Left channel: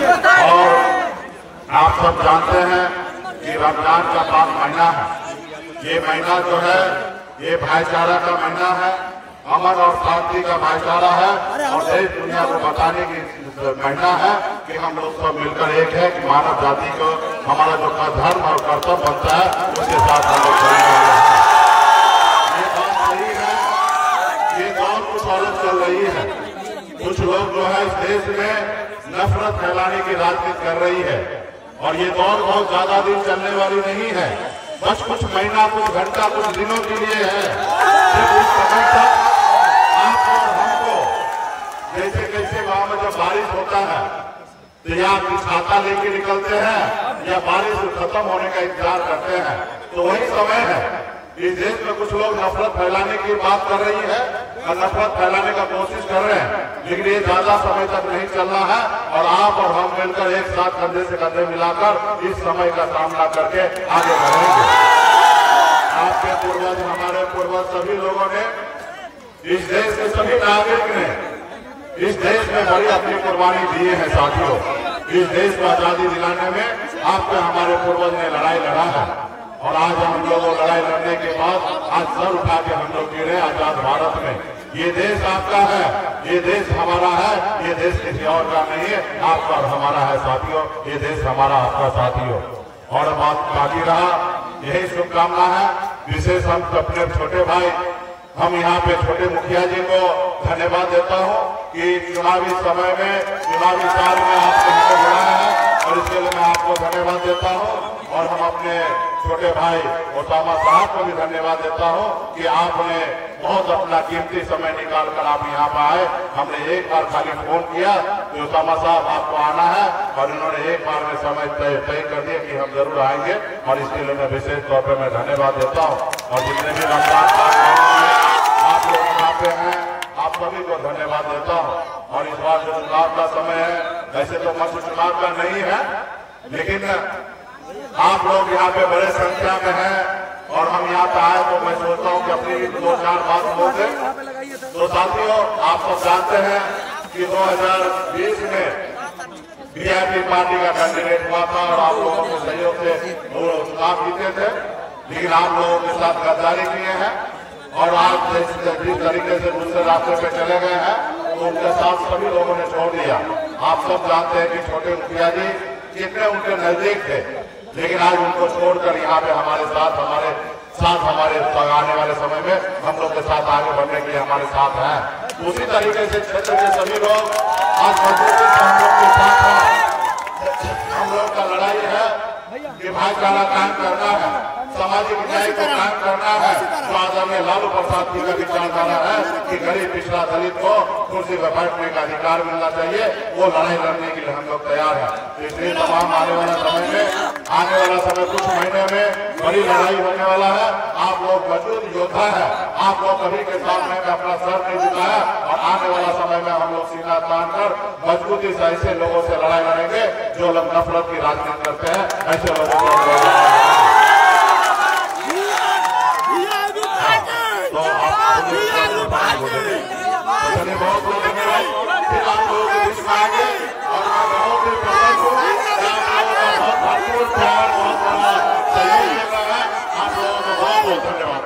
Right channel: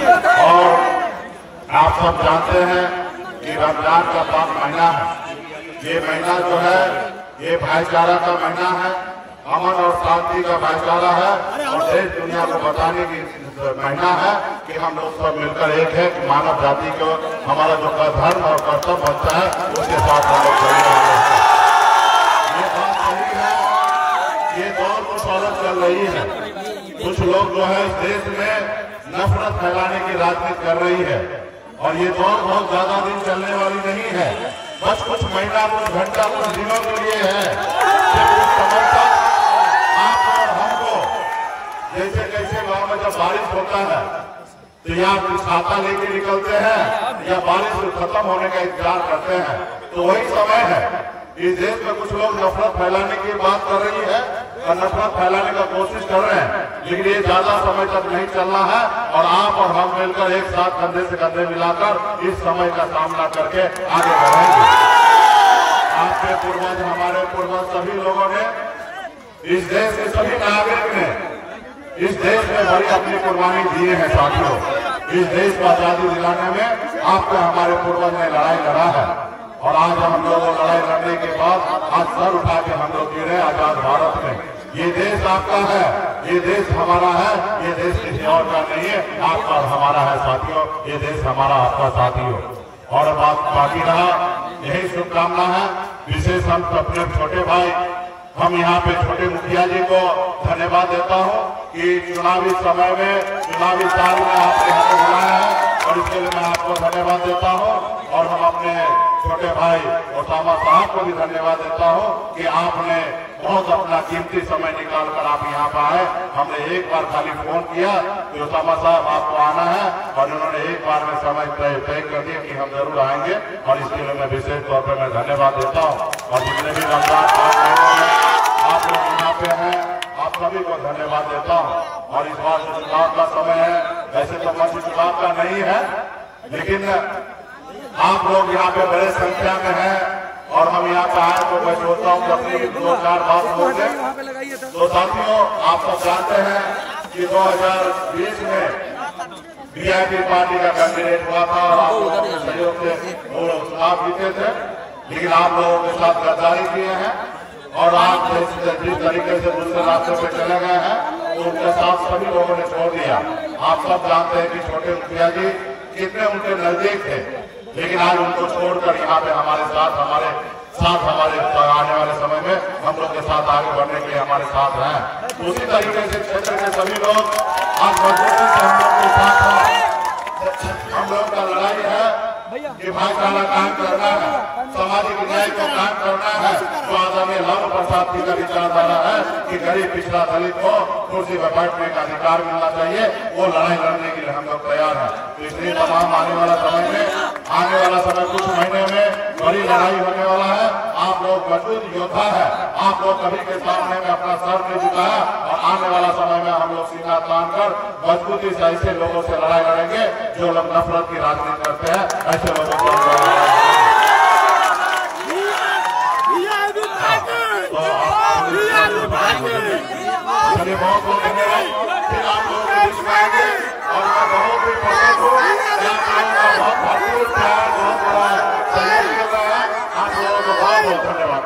और आप सब जानते हैं कि रमजान का पाक महीना है। ये महीना जो है ये भाईचारा का महीना है, अमन और शांति का भाईचारा है और देश दुनिया को बताने की महीना है कि हम लोग सब मिलकर एक है कि मानव जाति को हमारा जो धर्म और कर्तव्य बनता है उसके साथ हम लोग ये बात सही है। ये दौर कुछ और चल रही है, कुछ लोग जो है इस देश में नफरत फैलाने की राजनीति कर रही है और ये दौर बहुत ज्यादा दिन चलने वाली नहीं है, बस कुछ महीना, कुछ घंटा, कुछ दिनों के लिए है। उस समय तक आपको और हमको जैसे जैसे गाँव में जब बारिश होता है तो यहाँ छाता लेके निकलते हैं या बारिश खत्म होने का इंतजार करते हैं, तो वही समय है। इस देश में कुछ लोग नफरत फैलाने की बात कर रही है और नफरत फैलाने का कोशिश कर रहे हैं, लेकिन ये ज्यादा समय तक नहीं चलना है और आप और हम मिलकर एक साथ कंधे से कंधे मिलाकर इस समय का सामना करके आगे बढ़ेंगे। आपके पूर्वज, हमारे पूर्वज, सभी लोगों ने, इस देश के सभी नागरिक ने इस देश में बड़ी अपनी कुर्बानी दी है। साथियों, इस देश को आजादी दिलाने में आपके हमारे पूर्वज ने लड़ाई लड़ा है और आज हम लोग लड़ाई लड़ने के बाद आज सर उठा के हम लोग जी रहे आजाद भारत में। ये देश आपका है, ये देश हमारा है, ये देश किसी और का नहीं है, आपका और हमारा है साथियों। ये देश हमारा, आपका साथियों। और बात बाकी रहा, यही शुभकामना है। विशेष हम अपने छोटे भाई, हम यहाँ पे छोटे मुखिया जी को धन्यवाद देता हूँ कि चुनावी समय में, चुनावी साल में आपने हमें बुलाया है और इसके लिए मैं आपको धन्यवाद देता हूँ। और हम अपने छोटे भाई ओसामा साहब को भी धन्यवाद देता हूँ कि आपने बहुत अपना कीमती समय निकाल कर आप यहाँ पर आए। हमने एक बार खाली फोन किया कि ओसामा साहब आपको आना है और उन्होंने एक बार में समय तय कर दिया कि हम जरूर आएंगे और इसके लिए मैं विशेष तौर पर मैं धन्यवाद देता हूँ। और जितने भी आप लोग यहाँ पे हैं, आप सभी को धन्यवाद देता हूँ। और इस बार जो चुनाव का समय है, वैसे तो मंच चुनाव का नहीं है, लेकिन आप लोग यहाँ पे बड़े संख्या में हैं और हम यहाँ पे आए तो मैं सोचता हूँ कि अपनी 2-4 बात होंगे। तो साथियों, आप सब जानते हैं कि 2020 में वीआईपी पार्टी का कैंडिडेट हुआ था और आप लोगों के सहयोग से वो चुनाव जीते थे, लेकिन आप लोगों के साथ गद्दारी किए हैं और आज जिस तरीके से दूसरे रास्ते पे चले गए हैं तो उनके साथ सभी लोगों ने छोड़ दिया। आप सब जानते हैं कि छोटे मुखिया जी कितने उनके नजदीक थे, लेकिन आज उनको छोड़कर यहाँ पे हमारे साथ आने वाले समय में हम लोग के साथ आगे बढ़ने के लिए हमारे साथ हैं। उसी तरीके से क्षेत्र के सभी लोग आज मजबूती से हम लोग के साथ हैं। हम लोग का लड़ाई है कि भाईचारा कायम करना है, सामाजिक न्याय को कायम करना है। तो आदरणीय लालू प्रसाद जी का विचारधारा है कि गरीब पिछड़ा दलित को कुर्सी पर बैठने का अधिकार मिलना चाहिए। वो लड़ाई लड़ने के लिए हम लोग तैयार हैं। तो इसलिए तमाम आने वाला समय कुछ महीने में बड़ी लड़ाई होने वाला है। आप लोग मजबूत योद्धा है, आप लोग कभी के सामने में अपना सर नहीं झुकाया और आने वाला समय में हम लोग सीना तान कर मजबूती से ऐसे लोगों से लड़ाई लड़ेंगे जो लोग नफरत की राजनीति करते हैं। ऐसे लोगों को बहुत बहुत धन्यवाद। फिर आप लोगों के बीच में आएंगे और मैं बहुत ही प्रसन्न हूँ कि आप लोगों का बहुत भरपूर प्यार, बहुत बड़ा सहयोग मिल रहा है। आप लोगों को बहुत बहुत धन्यवाद।